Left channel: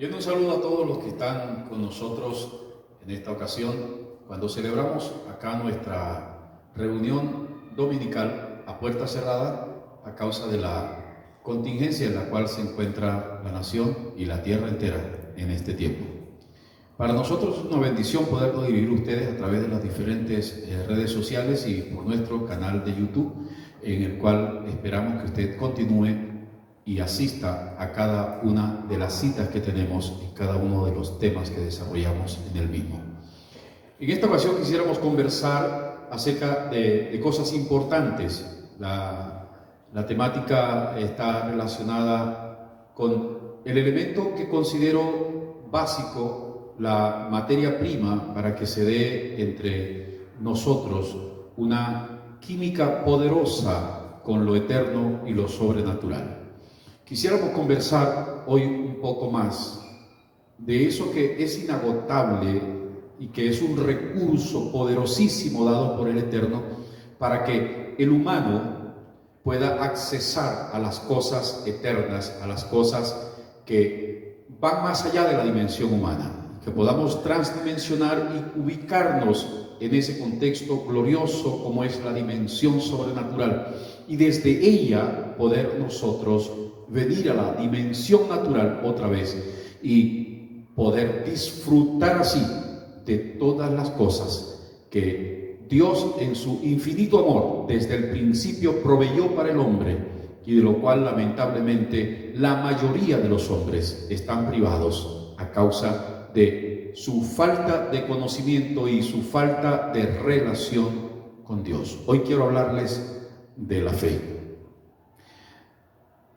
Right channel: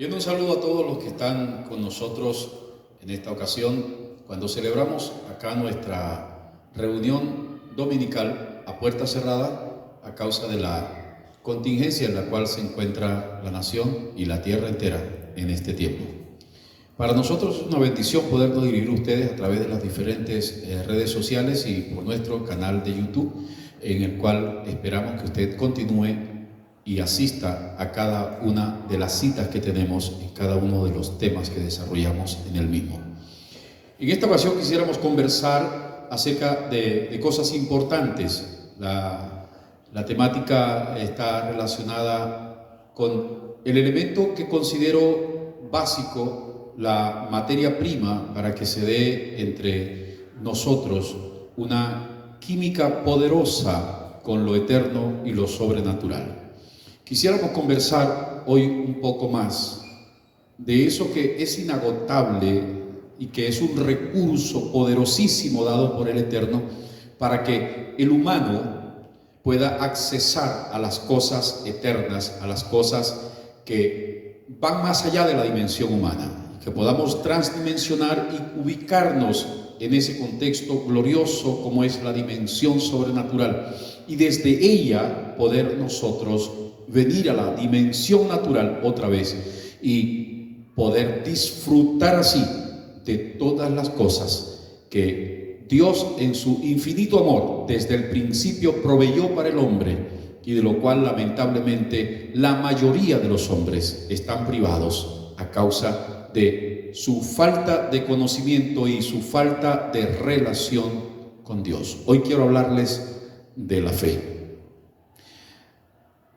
Bien, un saludo a todos los que están con nosotros en esta ocasión, cuando celebramos acá nuestra reunión dominical a puerta cerrada a causa de la contingencia en la cual se encuentra la nación y la tierra entera en este tiempo. Para nosotros es una bendición poder dirigir ustedes a través de las diferentes redes sociales y por nuestro canal de YouTube, en el cual esperamos que usted continúe y asista a cada una de las citas que tenemos en cada uno de los temas que desarrollamos en el mismo. En esta ocasión quisiéramos conversar acerca de cosas importantes. La temática está relacionada con el elemento que considero básico, la materia prima para que se dé entre nosotros una química poderosa con lo eterno y lo sobrenatural. Quisiéramos conversar hoy un poco más de eso que es inagotable y que es un recurso poderosísimo dado por el Eterno para que el humano pueda accesar a las cosas eternas, a las cosas que van más allá de la dimensión humana, que podamos transdimensionar y ubicarnos en ese contexto glorioso como es la dimensión sobrenatural y desde ella poder nosotros venir a la dimensión natural otra vez y poder disfrutar así de todas las cosas que Dios en su infinito amor desde el principio proveyó para el hombre y de lo cual lamentablemente la mayoría de los hombres están privados a causa de su falta de conocimiento y su falta de relación con Dios. Hoy quiero hablarles de la fe.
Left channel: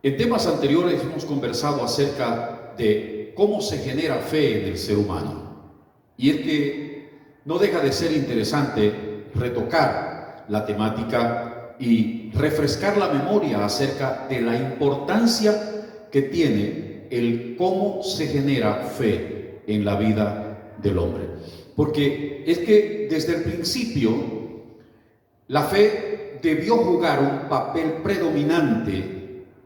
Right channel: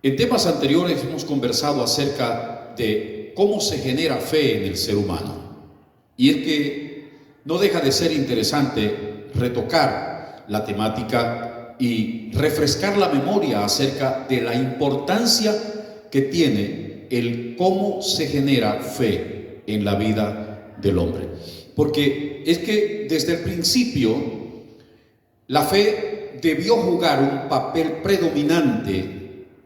En temas anteriores hemos conversado acerca de cómo se genera fe en el ser humano. Y es que no deja de ser interesante retocar la temática y refrescar la memoria acerca de la importancia que tiene el cómo se genera fe en la vida del hombre. Porque es que desde el principio la fe debió jugar un papel predominante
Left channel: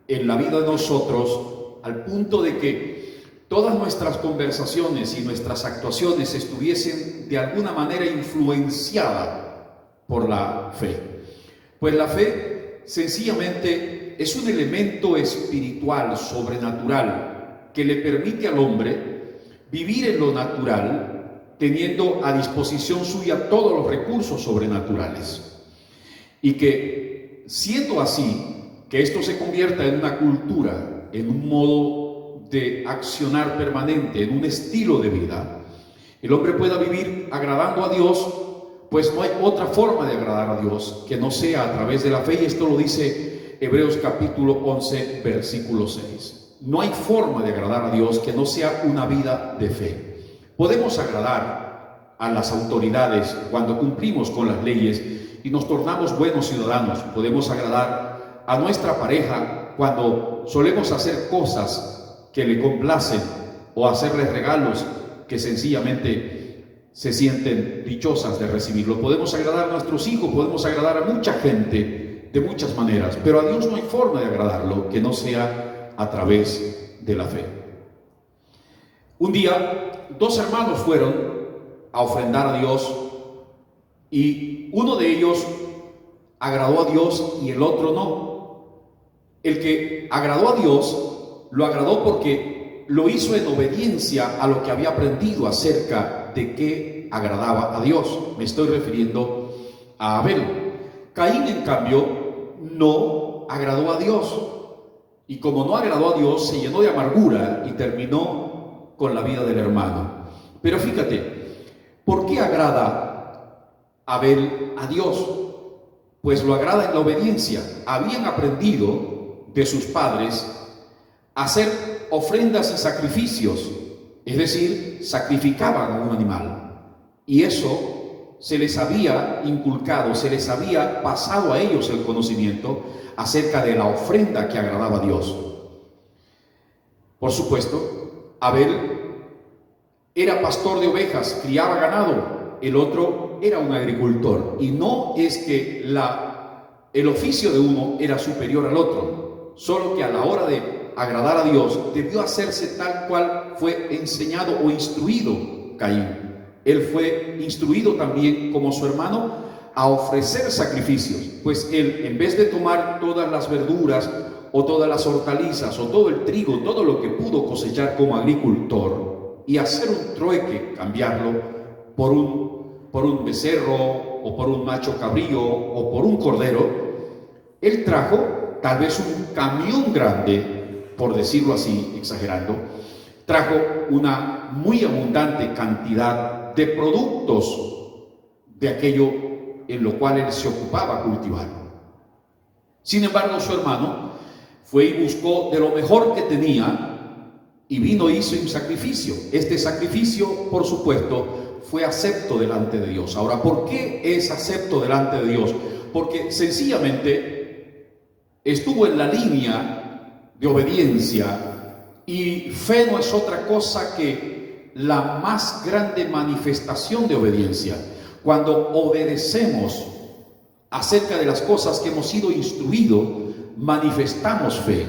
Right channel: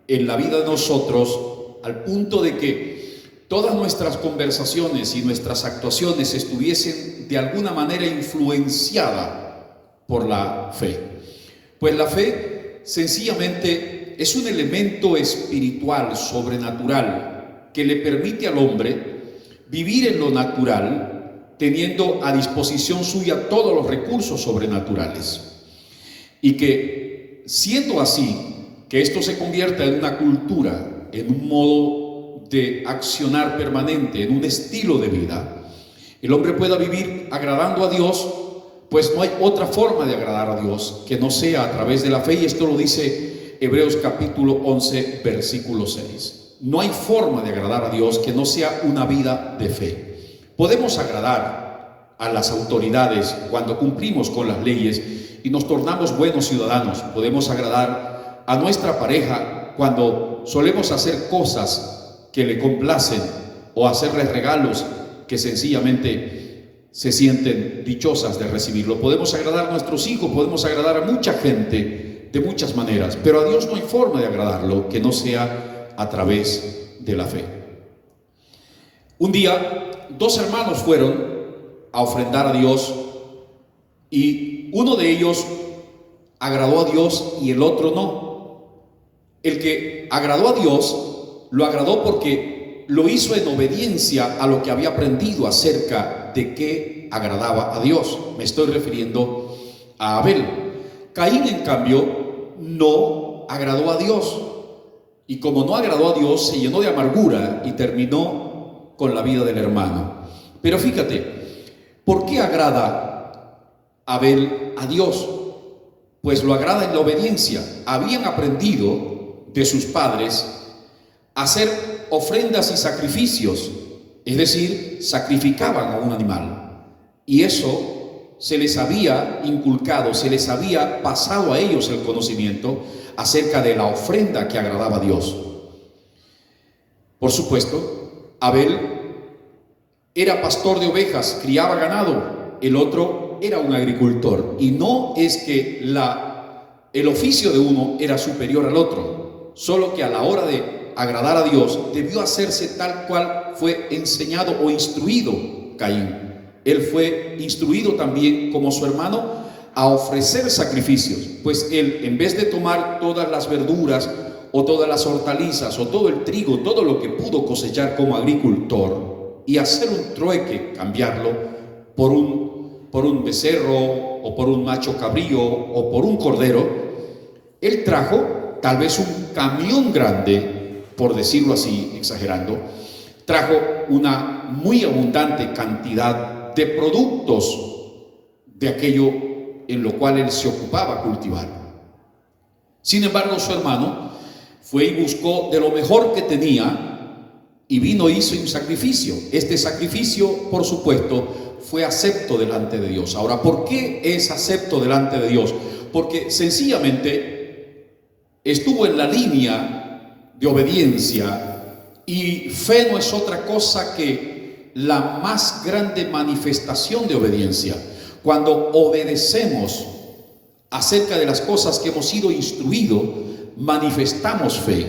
en la vida de nosotros, al punto de que todas nuestras conversaciones y nuestras actuaciones estuviesen de alguna manera influenciadas por la fe. Pues la fe sencillamente es un elemento espiritual, sobrenatural, que le permite al hombre vivir en lo natural, teniendo a disposición suya todos los recursos sobrenaturales. Y que, siendo así, que esto se convierta en una cultura, en un modo de accionar permanente, en un estilo de vida, el hombre pueda vivir agradando a Dios, pues no hay otra forma de agradar a Dios que no sea a través de la fe, y esto lo dice Hebreos capítulo 11, versículo 6. No hay forma de agradar a Dios que no sea una vida de fe. Podemos agradar a las autoridades cuando cumplimos con las leyes y nos tornamos buenos ciudadanos. Podemos agradar a nuestra pareja cuando solemos hacer cosas que le complacen o hacerles regalos que sencillamente se sienten dichosas de recibirlo. Podemos agradar a nuestros hijos, podemos agradar a mucha gente de muchas maneras, pero a Dios no hay forma de agradarlo que no sea a través de la fe. Un día, dos hermanos fueron a ofrendar a Dios y uno de ellos agradó a Dios y el otro no. El que agradó a Dios, lo agradó porque lo hizo en obediencia a lo que había aprendido acerca de qué agradaba a Dios. Me estoy refiriendo a Abel. Caín, en cambio, no agradó a Dios. Y como no agradó a Dios, se llenó de amargura y terminó con la vida del hermano. Pero fíjate, ¿por qué agrada Abel a Dios? Pues lo agrada en la obediencia. Habían aprendido de sus padres hacer ofrendas y sacrificios, es decir, sacrificaban a un animal, y eso se les había inculcado, se les había pasado a ellos el conocimiento acerca de la ofrenda que agradaba a Dios. Por supuesto, Abel era pastor de ovejas, criaba ganado, el otro era un agricultor, y no es que el oficio de uno era superior al otro, solo que a la hora de agradar a Dios, debió hacerse tal cual fue enseñado o instruido Caín. Él fue instruido también, como su hermano, a ofrecer sacrificios, pues él, en vez de tomar todas las verduras o todas las hortalizas o todo el trigo, todo lo que pudo cosechar como agricultor, y hacer un trueque, cambiarlo por un becerro o por un macho cabrío o por un cordero, él trajo tal vez un camión grande, por decirlo así, exagerando, trajo una muy abundante cantidad de productos de aquello en lo cual él se ocupaba cultivar. Sin embargo, su hermano fue y buscó de lo mejor que tenía y vino e hizo un sacrificio. Este sacrificio, por supuesto, fue acepto delante de Dios. Ahora, ¿por qué es acepto delante de Dios? Porque sencillamente estuvo en la línea de obediencia, y fe no es otra cosa que la más grande manifestación de obediencia. Cuando obedecemos acerca de las cosas que hemos sido instruidos, manifestamos fe.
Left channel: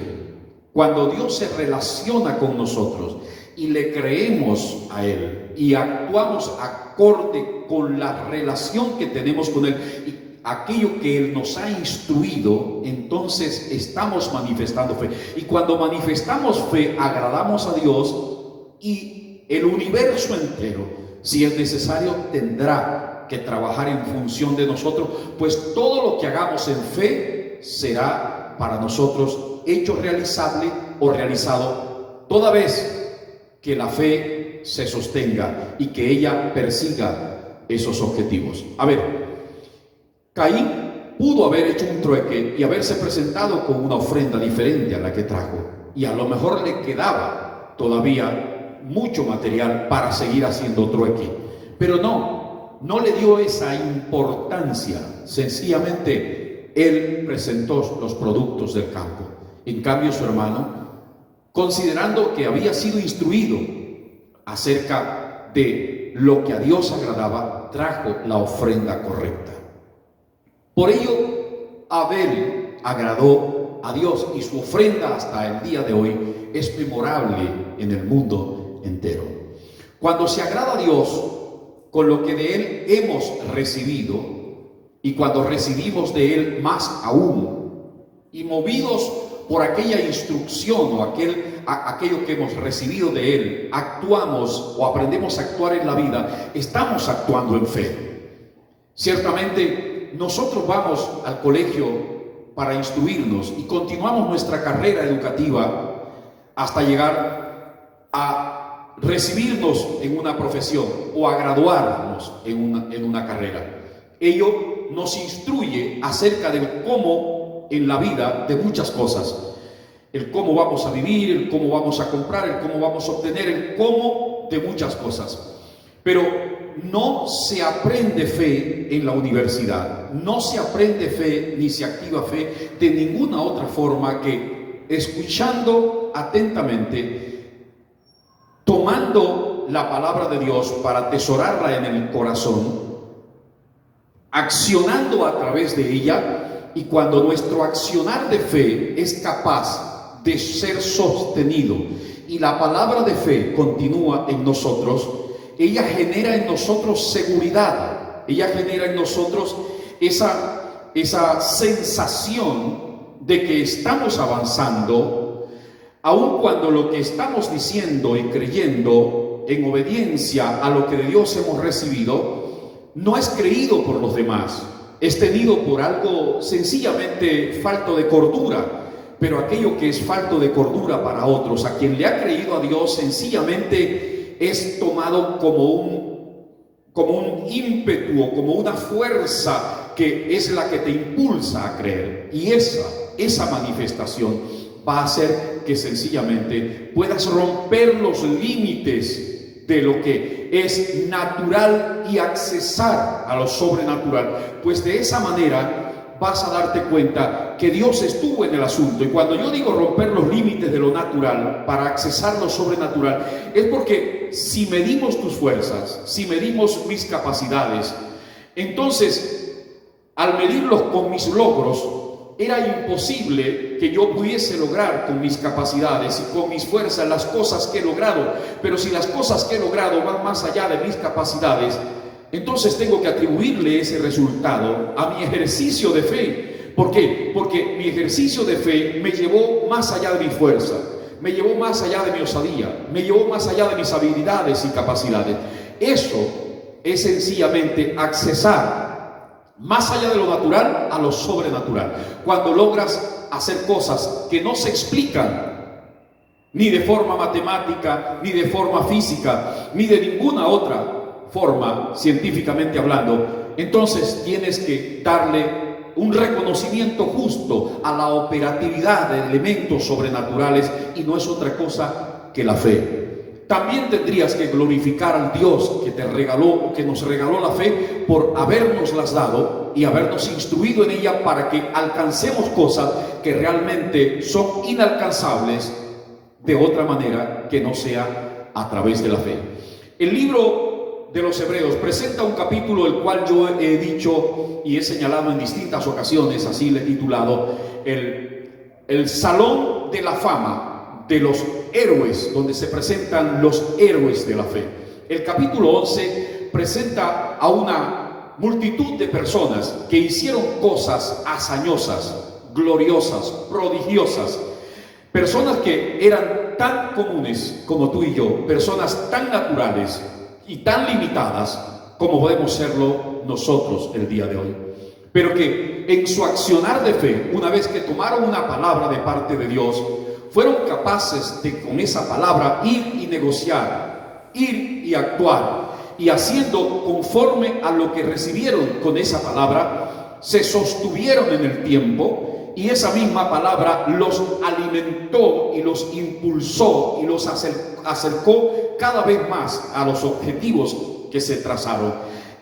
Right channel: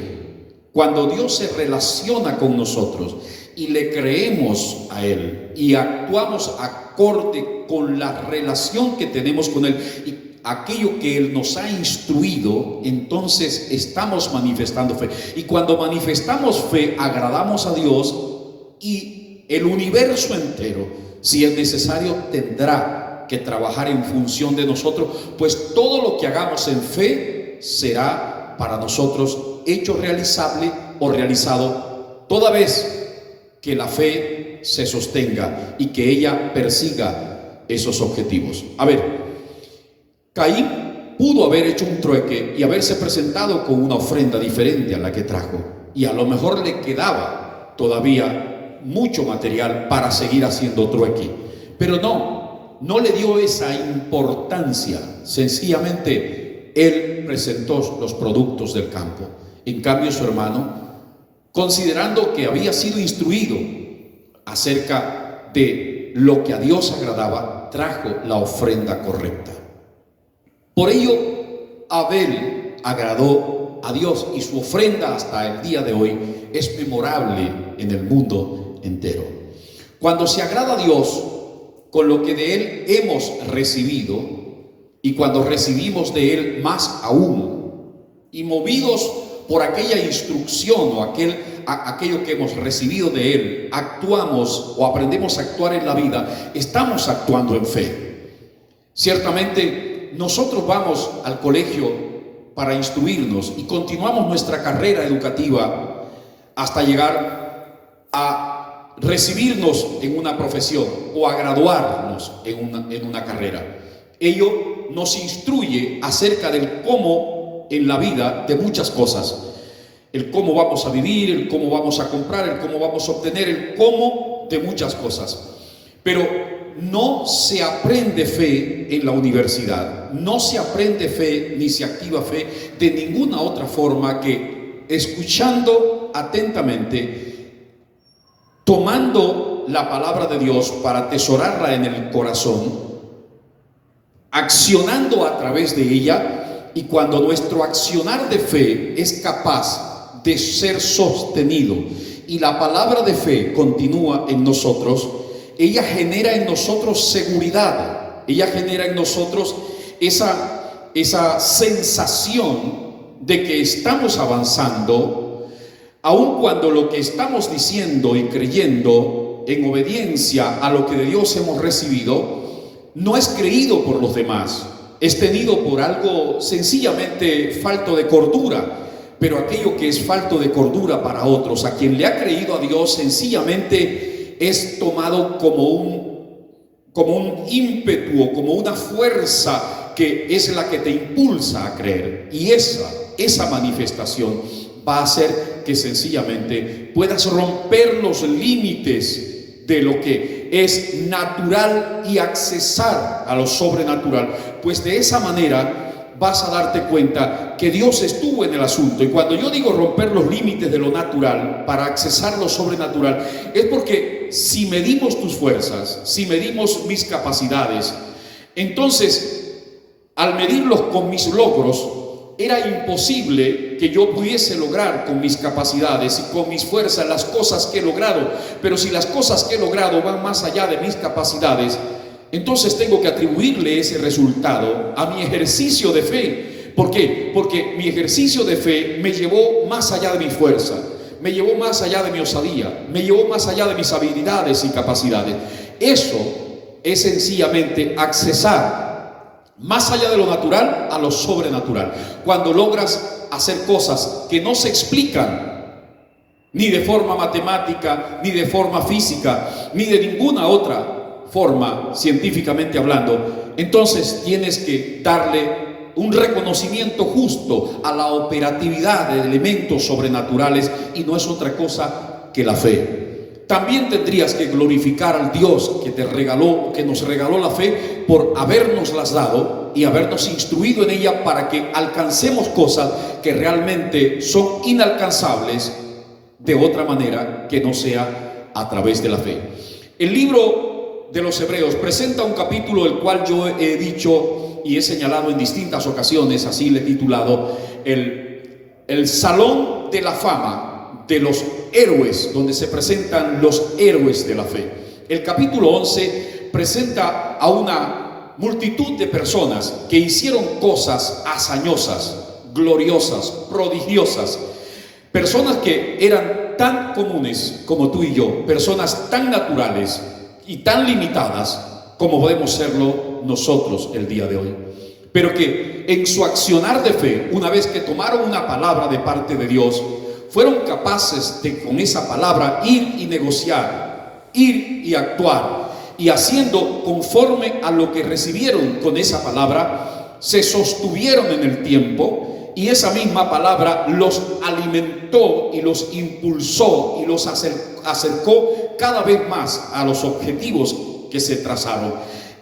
Cuando Dios se relaciona con nosotros y le creemos a Él y actuamos acorde con la relación que tenemos con Él y aquello que Él nos ha instruido, entonces estamos manifestando fe. Y cuando manifestamos fe, agradamos a Dios, y el universo entero, si es necesario, tendrá que trabajar en función de nosotros, pues todo lo que hagamos en fe será para nosotros hecho realizable o realizado, toda vez que la fe se sostenga y que ella persiga esos objetivos. A ver, Caín pudo haber hecho un trueque y haberse presentado con una ofrenda diferente a la que trajo, y a lo mejor le quedaba todavía mucho material para seguir haciendo trueque, pero no le dio esa importancia. Sencillamente él presentó los productos del campo. En cambio, su hermano, considerando que había sido instruido acerca de lo que a Dios agradaba, trajo la ofrenda correcta. Por ello, Abel agradó a Dios, y su ofrenda hasta el día de hoy es memorable en el mundo entero. Cuando se agrada a Dios con lo que de Él hemos recibido, y cuando recibimos de Él más aún, y movidos por aquella instrucción o aquello que hemos recibido de Él, actuamos o aprendemos a actuar en la vida, estamos actuando en fe. Ciertamente, nosotros vamos al colegio para instruirnos y continuamos nuestra carrera educativa hasta llegar a recibirnos en una profesión o a graduarnos en una carrera. Ello nos instruye acerca del cómo en la vida de muchas cosas. El cómo vamos a vivir, el cómo vamos a comprar, el cómo vamos a obtener, el cómo de muchas cosas. Pero no se aprende fe en la universidad, no se aprende fe ni se activa fe de ninguna otra forma que escuchando atentamente, tomando la palabra de Dios para atesorarla en el corazón, accionando a través de ella, y cuando nuestro accionar de fe es capaz de ser sostenido y la palabra de fe continúa en nosotros, ella genera en nosotros seguridad, ella genera en nosotros esa sensación de que estamos avanzando, aun cuando lo que estamos diciendo y creyendo en obediencia a lo que de Dios hemos recibido no es creído por los demás, es tenido por algo sencillamente falto de cordura. Pero aquello que es falto de cordura para otros, a quien le ha creído a Dios, sencillamente es tomado como un ímpetu o como una fuerza que es la que te impulsa a creer. Y esa manifestación va a hacer que sencillamente puedas romper los límites de lo que es natural y accesar a lo sobrenatural. Pues de esa manera vas a darte cuenta que Dios estuvo en el asunto. Y cuando yo digo romper los límites de lo natural para accesar lo sobrenatural, es porque si medimos tus fuerzas, si medimos mis capacidades, entonces al medirlos con mis logros, era imposible que yo pudiese lograr con mis capacidades y con mis fuerzas las cosas que he logrado. Pero si las cosas que he logrado van más allá de mis capacidades, entonces tengo que atribuirle ese resultado a mi ejercicio de fe. ¿Por qué? Porque mi ejercicio de fe me llevó más allá de mi fuerza, me llevó más allá de mi osadía, me llevó más allá de mis habilidades y capacidades. Eso es sencillamente accesar más allá de lo natural a lo sobrenatural. Cuando logras hacer cosas que no se explican ni de forma matemática, ni de forma física, ni de ninguna otra forma científicamente hablando, entonces tienes que darle un reconocimiento justo a la operatividad de elementos sobrenaturales, y no es otra cosa que la fe. También tendrías que glorificar al Dios que te regaló, que nos regaló la fe, por habernoslas dado y habernos instruido en ella para que alcancemos cosas que realmente son inalcanzables de otra manera que no sea a través de la fe. El libro de los Hebreos presenta un capítulo el cual yo he dicho y he señalado en distintas ocasiones, así le he titulado el Salón de la Fama de los héroes, donde se presentan los héroes de la fe. El capítulo 11 presenta a una multitud de personas que hicieron cosas hazañosas, gloriosas, prodigiosas, personas que eran tan comunes como tú y yo, personas tan naturales y tan limitadas como podemos serlo nosotros el día de hoy, pero que en su accionar de fe, una vez que tomaron una palabra de parte de Dios, fueron capaces de con esa palabra ir y negociar, ir y actuar, y haciendo conforme a lo que recibieron con esa palabra, se sostuvieron en el tiempo, y esa misma palabra los alimentó y los impulsó y los acercó cada vez más a los objetivos que se trazaron.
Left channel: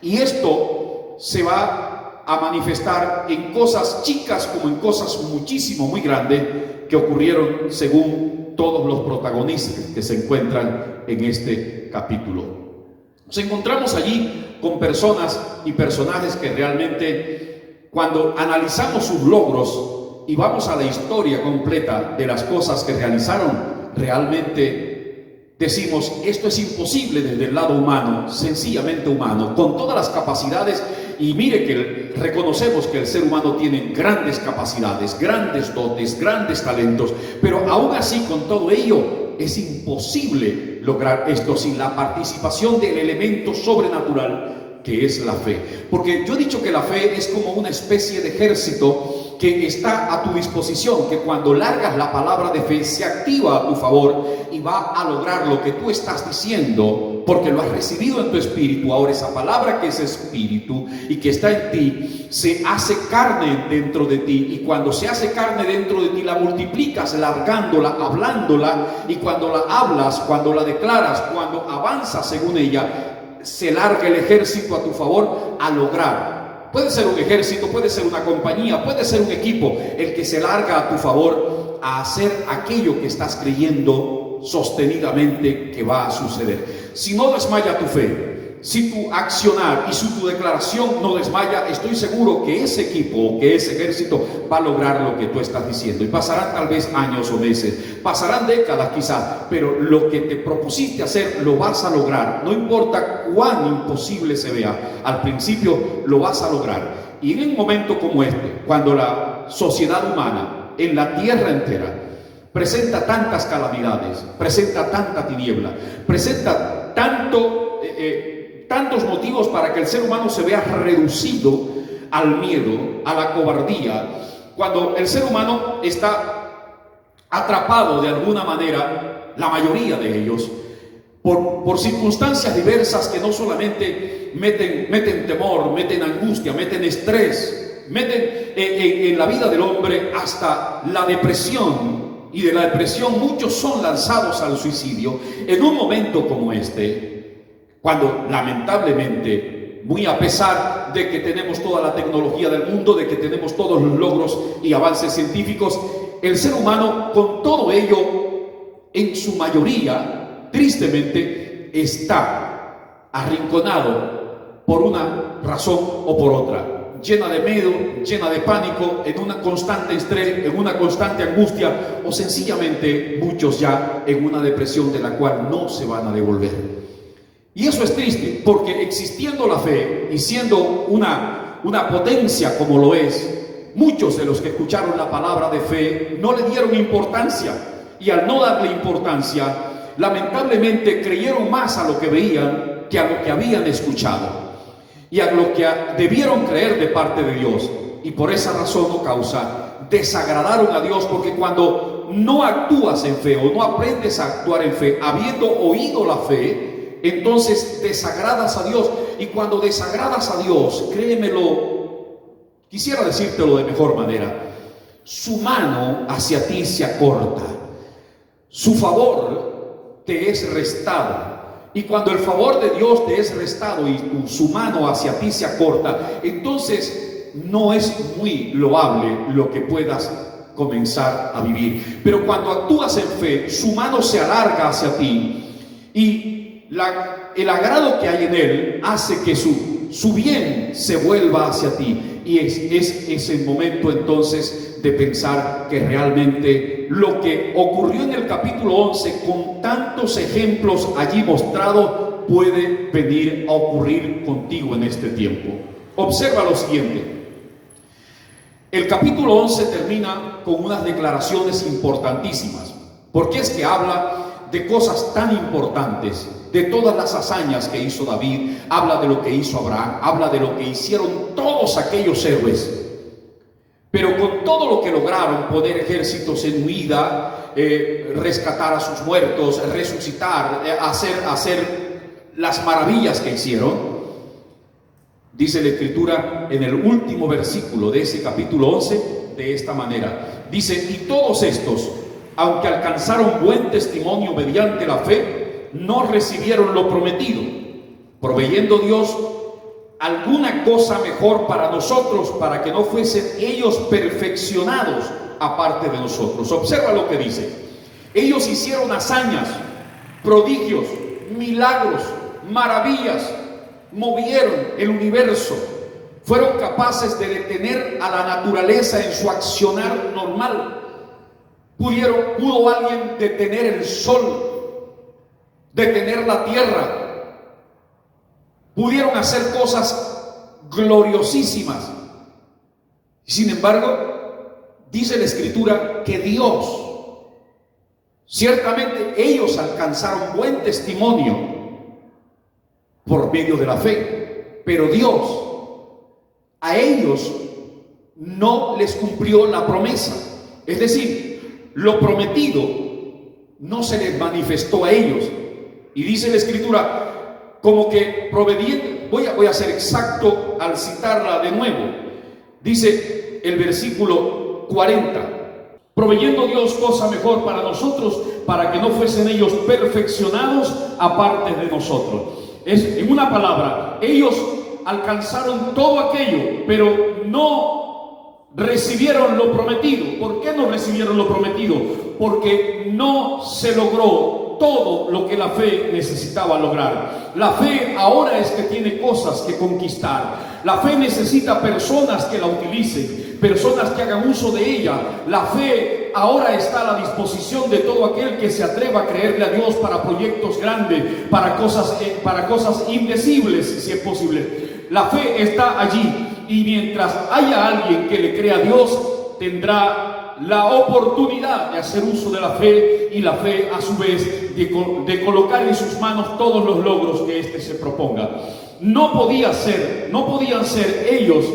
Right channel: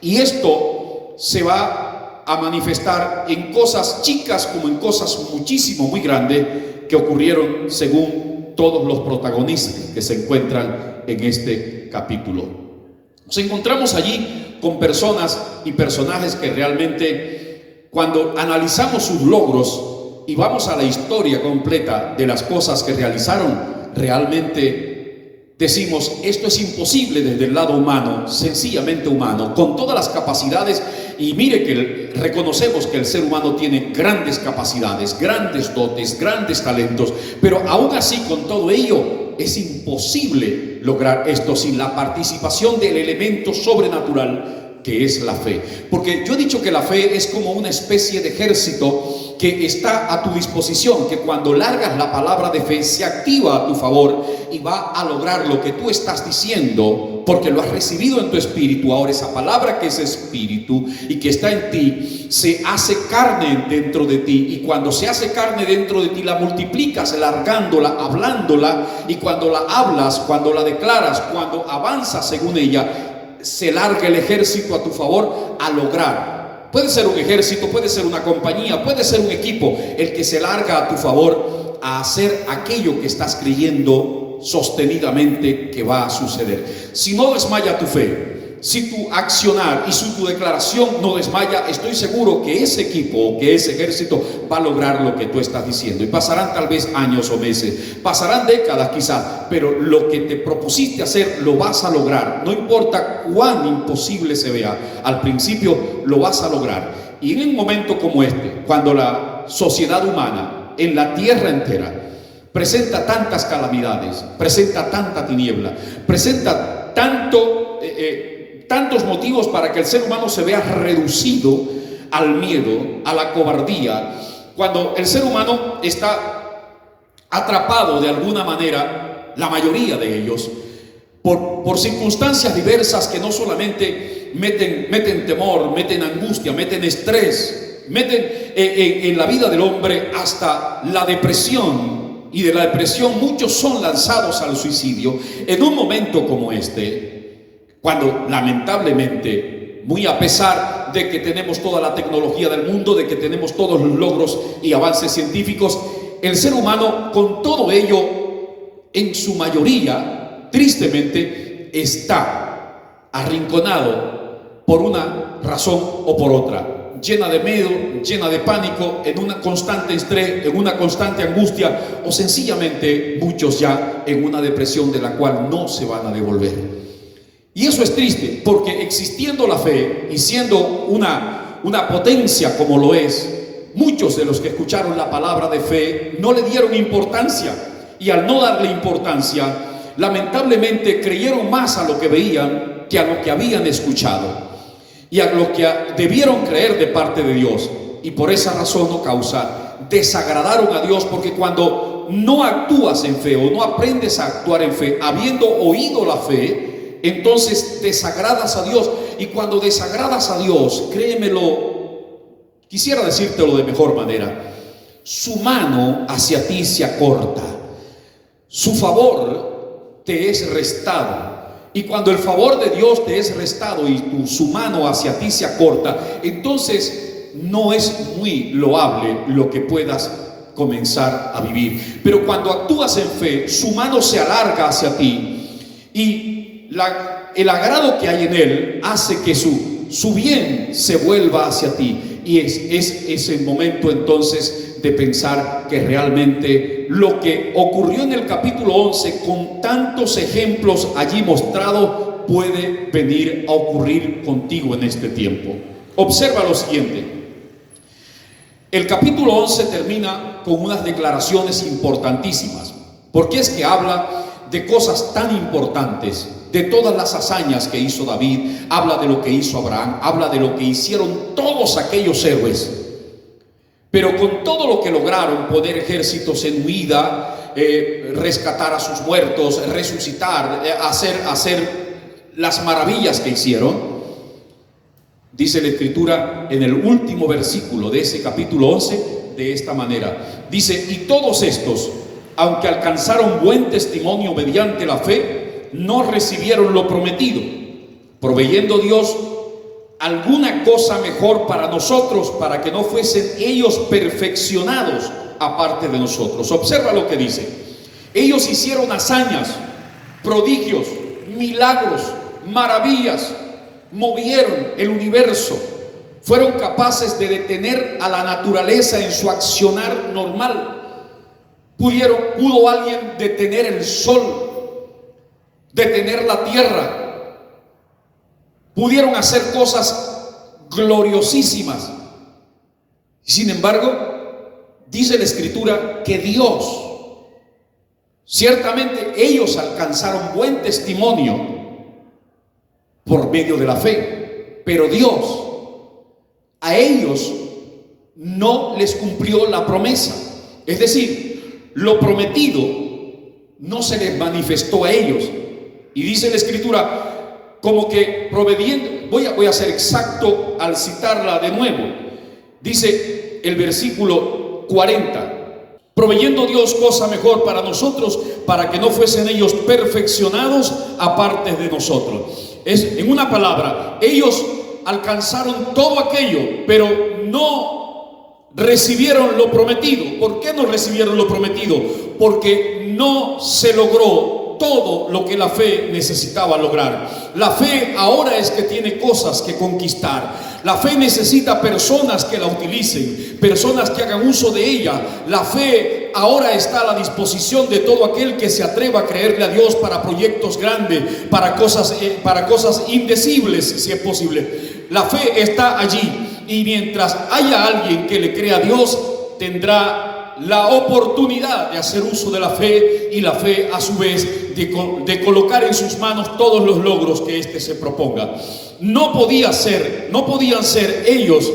Y esto se va a manifestar en cosas chicas como en cosas muchísimo, muy grandes, que ocurrieron según todos los protagonistas que se encuentran en este capítulo. Nos encontramos allí con personas y personajes que realmente, cuando analizamos sus logros y vamos a la historia completa de las cosas que realizaron, realmente decimos, esto es imposible desde el lado humano, sencillamente humano, con todas las capacidades. Y mire que reconocemos que el ser humano tiene grandes capacidades, grandes dotes, grandes talentos, pero aún así, con todo ello, es imposible lograr esto sin la participación del elemento sobrenatural que es la fe. Porque yo he dicho que la fe es como una especie de ejército que está a tu disposición, que cuando largas la palabra de fe se activa a tu favor y va a lograr lo que tú estás diciendo, porque lo has recibido en tu espíritu. Ahora esa palabra que es espíritu y que está en ti, se hace carne dentro de ti, y cuando se hace carne dentro de ti la multiplicas, largándola, hablándola, y cuando la hablas, cuando la declaras, cuando avanzas según ella, se larga el ejército a tu favor a lograr. Puede ser un ejército, puede ser una compañía, puede ser un equipo, el que se larga a tu favor a hacer aquello que estás creyendo sostenidamente que va a suceder. Si no desmaya tu fe, si tu accionar y si tu declaración no desmaya, estoy seguro que ese equipo, que ese ejército va a lograr lo que tú estás diciendo. Y pasarán tal vez años o meses, pasarán décadas quizás, pero lo que te propusiste hacer lo vas a lograr. No importa cuán imposible se vea, al principio lo vas a lograr. Y en un momento como este, cuando la sociedad humana en la tierra entera presenta tantas calamidades, presenta tanta tiniebla, presenta tantos motivos para que el ser humano se vea reducido al miedo, a la cobardía, cuando el ser humano está atrapado de alguna manera, la mayoría de ellos, por circunstancias diversas que no solamente meten temor, meten angustia, meten estrés, meten en la vida del hombre hasta la depresión. Y de la depresión muchos son lanzados al suicidio. En un momento como este, cuando lamentablemente, muy a pesar de que tenemos toda la tecnología del mundo, de que tenemos todos los logros y avances científicos, el ser humano, con todo ello, en su mayoría, tristemente, está arrinconado por una razón o por otra. llena de miedo, llena de pánico, en una constante estrés, en una constante angustia, o sencillamente muchos ya en una depresión de la cual no se van a devolver. Y eso es triste, porque existiendo la fe y siendo una potencia como lo es, muchos de los que escucharon la palabra de fe no le dieron importancia, y al no darle importancia, lamentablemente creyeron más a lo que veían que a lo que habían escuchado y a lo que debieron creer de parte de Dios, y por esa razón o causa desagradaron a Dios, porque cuando no actúas en fe o no aprendes a actuar en fe habiendo oído la fe, entonces desagradas a Dios. Y cuando desagradas a Dios, créemelo, quisiera decírtelo de mejor manera, su mano hacia ti se acorta, su favor te es restado. Y cuando el favor de Dios te es restado y su mano hacia ti se acorta, entonces no es muy loable lo que puedas comenzar a vivir. Pero cuando actúas en fe, su mano se alarga hacia ti, y el agrado que hay en él hace que su bien se vuelva hacia ti. Y es el momento entonces de pensar que realmente lo que ocurrió en el capítulo 11, con tantos ejemplos allí mostrados, puede venir a ocurrir contigo en este tiempo. Observa lo siguiente. El capítulo 11 termina con unas declaraciones importantísimas, porque es que habla de cosas tan importantes, de todas las hazañas que hizo David, habla de lo que hizo Abraham, habla de lo que hicieron todos aquellos héroes. Pero con todo lo que lograron, poner ejércitos en huida, rescatar a sus muertos, resucitar, hacer las maravillas que hicieron, dice la Escritura en el último versículo de ese capítulo 11 de esta manera. Dice: y todos estos, aunque alcanzaron buen testimonio mediante la fe, no recibieron lo prometido, proveyendo Dios alguna cosa mejor para nosotros, para que no fuesen ellos perfeccionados aparte de nosotros. Observa lo que dice: ellos hicieron hazañas, prodigios, milagros, maravillas, movieron el universo, fueron capaces de detener a la naturaleza en su accionar normal. ¿Pudo alguien detener el sol, detener la tierra? Pudieron hacer cosas gloriosísimas. Sin embargo, dice la Escritura que Dios, ciertamente ellos alcanzaron buen testimonio por medio de la fe, pero Dios a ellos no les cumplió la promesa. Es decir, lo prometido no se les manifestó a ellos. Y dice la Escritura como que proveyendo, voy a ser exacto al citarla de nuevo. Dice el versículo 40: proveyendo Dios cosa mejor para nosotros, para que no fuesen ellos perfeccionados aparte de nosotros. En una palabra, ellos alcanzaron todo aquello, pero no recibieron lo prometido. ¿Por qué no recibieron lo prometido? Porque no se logró todo lo que la fe necesitaba lograr. La fe ahora es que tiene cosas que conquistar. La fe necesita personas que la utilicen, personas que hagan uso de ella. La fe ahora está a la disposición de todo aquel que se atreva a creerle a Dios para proyectos grandes, para cosas indecibles, si es posible. La fe está allí, y mientras haya alguien que le crea a Dios, tendrá la oportunidad de hacer uso de la fe, y la fe a su vez de colocar en sus manos todos los logros que éste se proponga. No podían ser ellos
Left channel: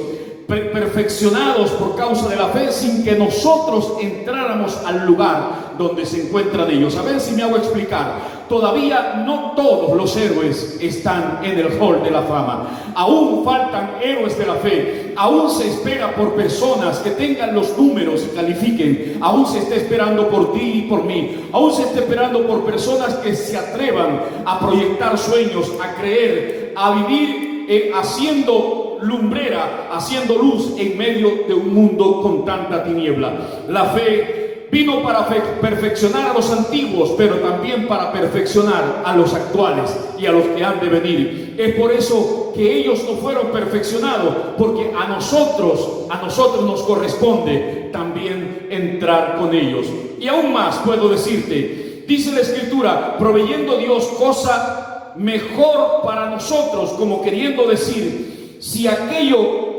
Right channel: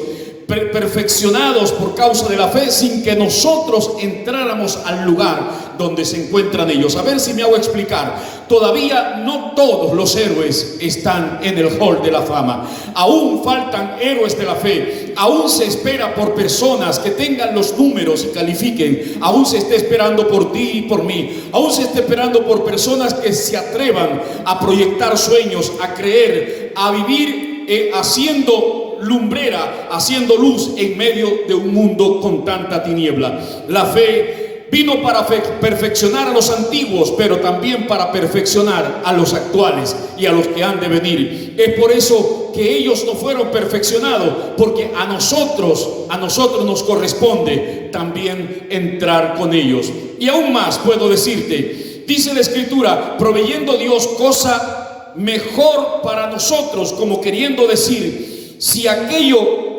perfeccionados por causa de la fe sin que nosotros entráramos al lugar donde se encuentran ellos. A ver si me hago explicar. Todavía no todos los héroes están en el hall de la fama. Aún faltan héroes de la fe. Aún se espera por personas que tengan los números y califiquen. Aún se está esperando por ti y por mí. Aún se está esperando por personas que se atrevan a proyectar sueños, a creer, a vivir haciendo lumbrera, haciendo luz en medio de un mundo con tanta tiniebla. La fe vino para perfeccionar a los antiguos, pero también para perfeccionar a los actuales y a los que han de venir. Es por eso que ellos no fueron perfeccionados, porque a nosotros nos corresponde también entrar con ellos. Y aún más puedo decirte, dice la Escritura, proveyendo Dios cosa mejor para nosotros, como queriendo decir, si aquello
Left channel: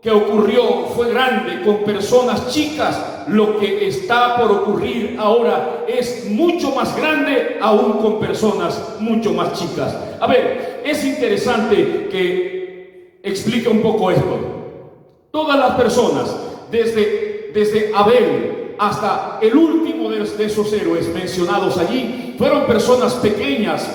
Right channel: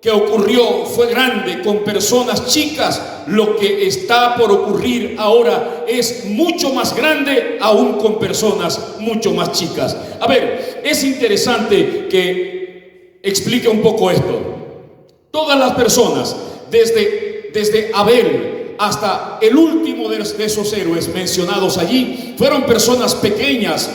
que ocurrió fue grande con personas chicas, lo que está por ocurrir ahora es mucho más grande aún con personas mucho más chicas. A ver, es interesante que explique un poco esto. Todas las personas, desde Abel hasta el último de esos héroes mencionados allí, fueron personas pequeñas,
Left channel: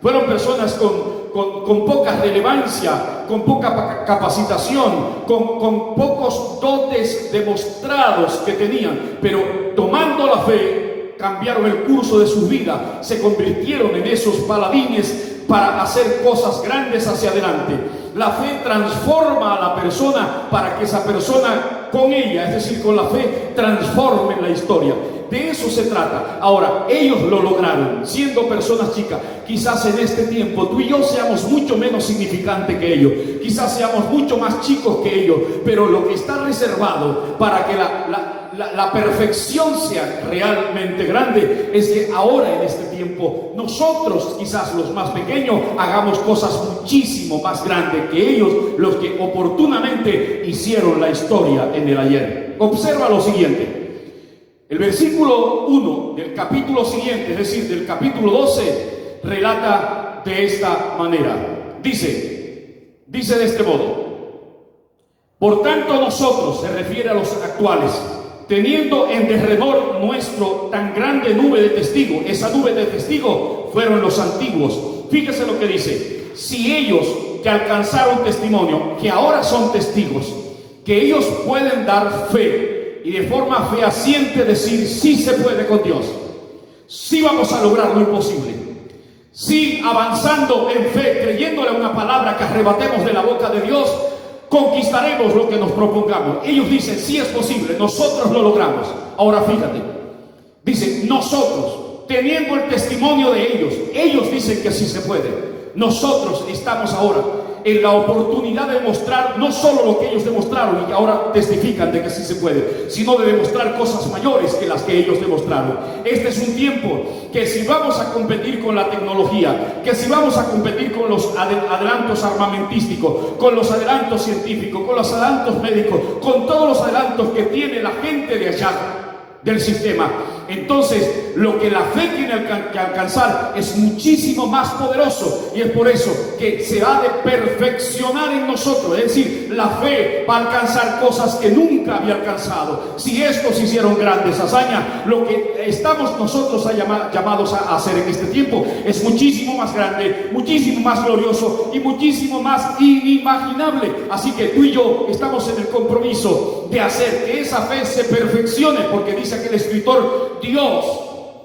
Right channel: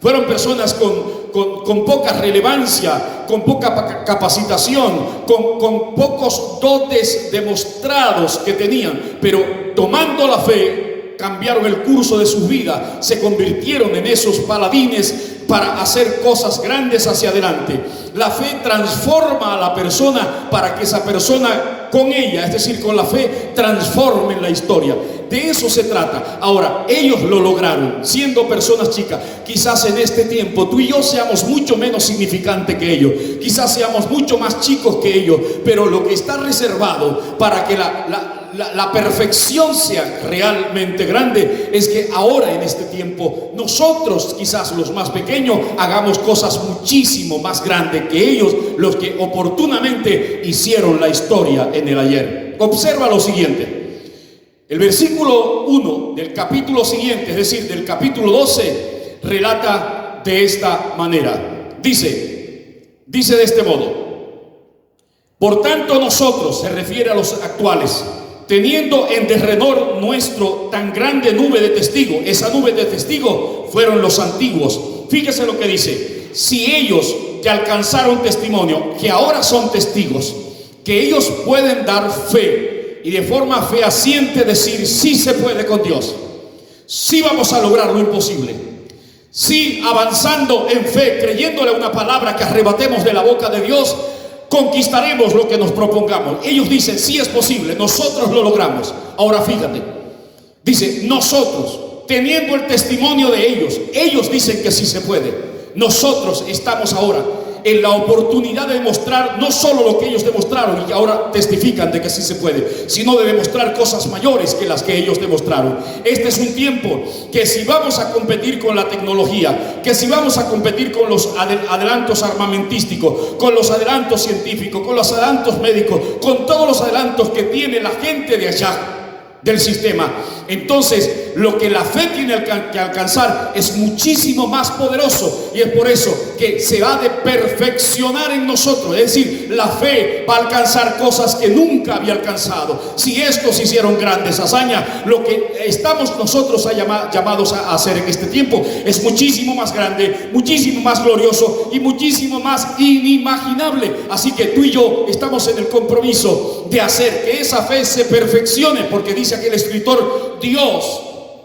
fueron personas con poca relevancia, con poca capacitación, con pocos dotes demostrados que tenían, pero tomando la fe, cambiaron el curso de su vida, se convirtieron en esos paladines para hacer cosas grandes hacia adelante. La fe transforma a la persona para que esa persona con ella, es decir, con la fe, transforme la historia. De eso se trata. Ahora, ellos lo lograron, siendo personas chicas. Quizás en este tiempo tú y yo seamos mucho menos significantes que ellos, quizás seamos mucho más chicos que ellos, pero lo que está reservado para que la perfección sea realmente grande es que ahora en este tiempo nosotros, quizás los más pequeños, hagamos cosas muchísimo más grandes que ellos, los que oportunamente hicieron la historia en el ayer. Observa lo siguiente. El versículo 1 del capítulo siguiente, es decir, del capítulo 12, relata de esta manera. Dice de este modo: por tanto nosotros, se refiere a los actuales, teniendo en derredor nuestro tan grande nube de testigos. Esa nube de testigos fueron los antiguos. Fíjese lo que dice: si ellos que alcanzaron testimonio, que ahora son testigos, que ellos pueden dar fe y de forma fehaciente decir, sí se puede con Dios, sí vamos a lograr lo imposible, sí, avanzando en fe, creyéndole a una palabra que arrebatemos de la boca de Dios, conquistaremos lo que nos propongamos. Ellos dicen, sí es posible, nosotros lo logramos. Ahora fíjate, dice, nosotros, teniendo el testimonio de ellos dicen que sí se puede. Nosotros estamos ahora en la oportunidad de demostrar no solo lo que ellos demostraron y ahora testifican de que sí se puede, sino de demostrar cosas mayores que las que ellos demostraron. Este es un tiempo que si vamos a competir con la tecnología, que si vamos a competir con los adelantos armamentísticos, con los adelantos científicos, con los adelantos médicos, con todos los adelantos que tiene la gente de allá del sistema, entonces lo que la fe tiene que alcanzar es muchísimo más poderoso, y es por eso que se ha de perfeccionar en nosotros. Es decir, la fe va a alcanzar cosas que nunca había alcanzado. Si estos hicieron grandes hazañas, lo que estamos nosotros llamados a hacer en este tiempo es muchísimo más grande, muchísimo más glorioso y muchísimo más inimaginable. Así que tú y yo estamos en el compromiso de hacer que esa fe se perfeccione, porque dice aquel escritor, Dios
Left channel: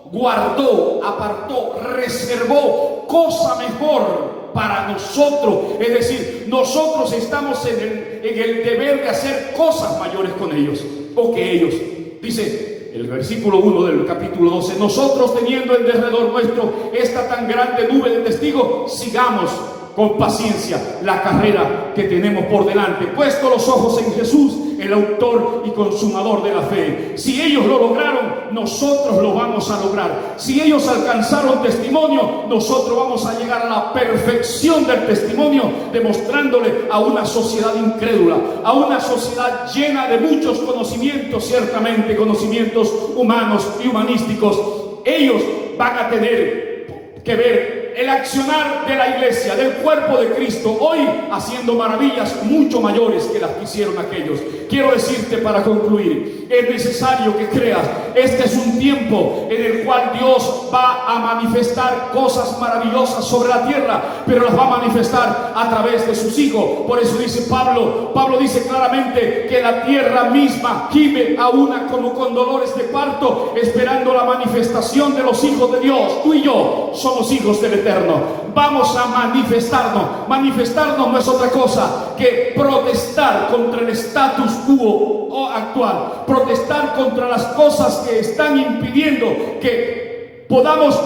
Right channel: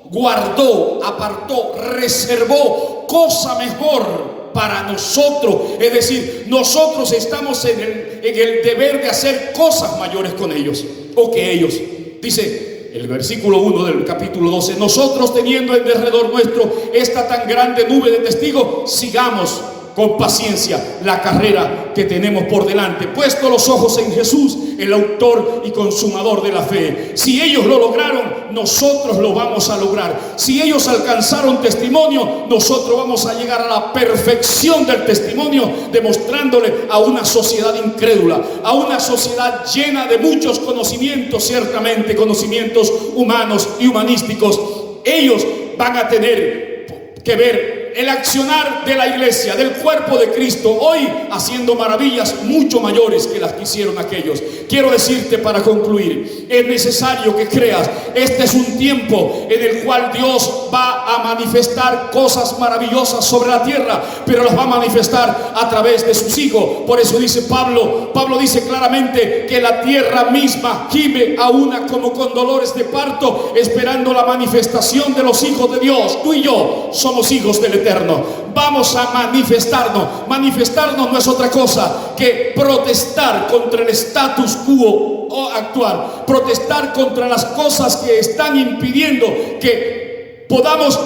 guardó, apartó, reservó cosa mejor para nosotros. Es decir, nosotros estamos en el deber de hacer cosas mayores con ellos o que ellos. Dice el versículo 1 del capítulo 12: nosotros, teniendo en derredor nuestro esta tan grande nube de testigos, sigamos con paciencia la carrera que tenemos por delante, puesto los ojos en Jesús, el autor y consumador de la fe. Si ellos lo lograron, nosotros lo vamos a lograr. Si ellos alcanzaron testimonio, nosotros vamos a llegar a la perfección del testimonio, demostrándole a una sociedad incrédula, a una sociedad llena de muchos conocimientos, ciertamente conocimientos humanos y humanísticos. Ellos van a tener que ver el accionar de la iglesia, del cuerpo de Cristo, hoy haciendo maravillas mucho mayores que las que hicieron aquellos. Quiero decirte para concluir, es necesario que creas, este es un tiempo en el cual Dios va a manifestar cosas maravillosas sobre la tierra, pero las va a manifestar a través de sus hijos. Por eso dice Pablo dice claramente que la tierra misma gime a una como con dolores de parto, esperando la manifestación de los hijos de Dios. Tú y yo somos hijos del Eterno. Vamos a manifestarnos. Manifestarnos no es otra cosa que protestar contra el status quo actual, protestar contra las cosas que están impidiendo que podamos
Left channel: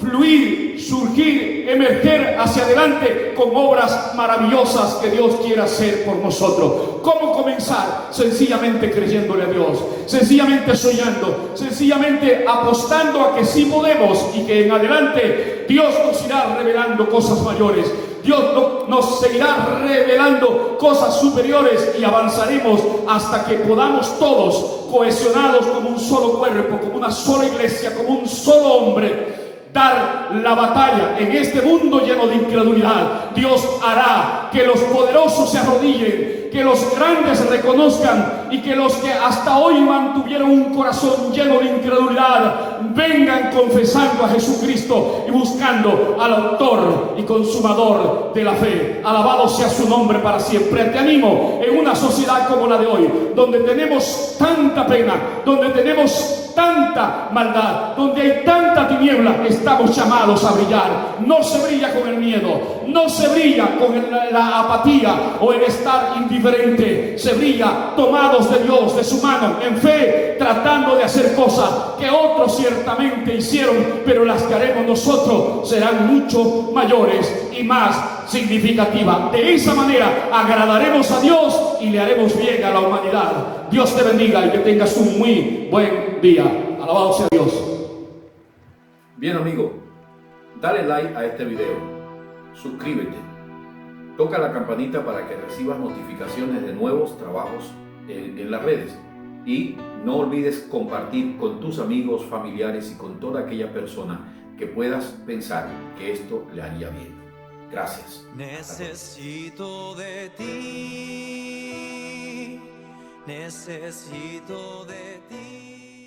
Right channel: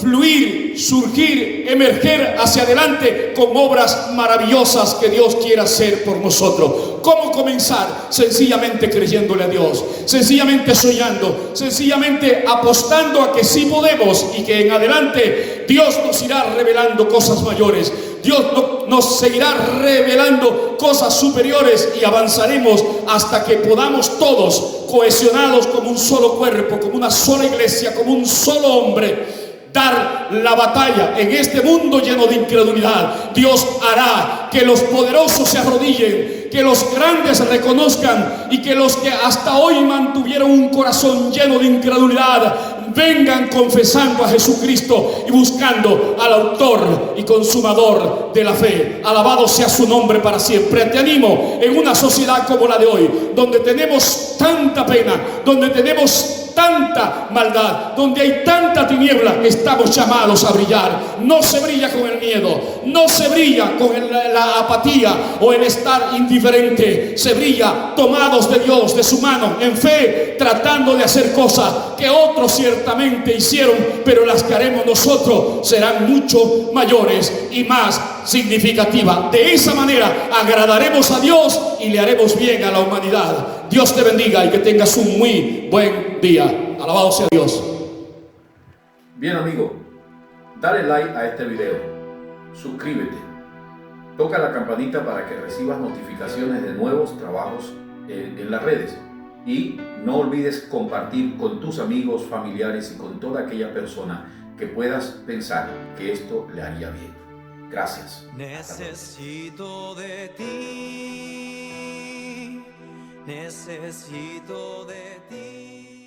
fluir, surgir, emerger hacia adelante con obras maravillosas que Dios quiere hacer por nosotros. ¿Cómo comenzar? Sencillamente creyéndole a Dios, sencillamente soñando, sencillamente apostando a que sí podemos y que en adelante Dios nos irá revelando cosas mayores. Dios nos seguirá revelando cosas superiores y avanzaremos hasta que podamos todos, cohesionados como un solo cuerpo, como una sola iglesia, como un solo hombre, dar la batalla en este mundo lleno de incredulidad. Dios hará que los poderosos se arrodillen, que los grandes reconozcan y que los que hasta hoy mantuvieron un corazón lleno de incredulidad vengan confesando a Jesucristo y buscando al autor y consumador de la fe. Alabado sea su nombre para siempre. Te animo en una sociedad como la de hoy, donde tenemos tanta pena, donde tenemos tanta maldad, donde hay tanta tiniebla, estamos llamados a brillar. No se brilla con el miedo, no se brilla con la apatía o el estar indiferente. Se brilla tomados de Dios, de su mano, en fe, tratando de hacer cosas que otros ciertamente hicieron, pero las que haremos nosotros serán mucho mayores y más significativas. De esa manera agradaremos a Dios y le haremos bien a la humanidad. Dios te bendiga y que tengas un muy buen día. Alabado sea Dios. Bien, amigo, dale like a este video, suscríbete, toca la campanita para que recibas notificaciones de nuevos trabajos en las redes y no olvides compartir con tus amigos, familiares y con toda aquella persona que puedas pensar que esto le haría bien. Gracias. Necesito de ti. Necesito de ti.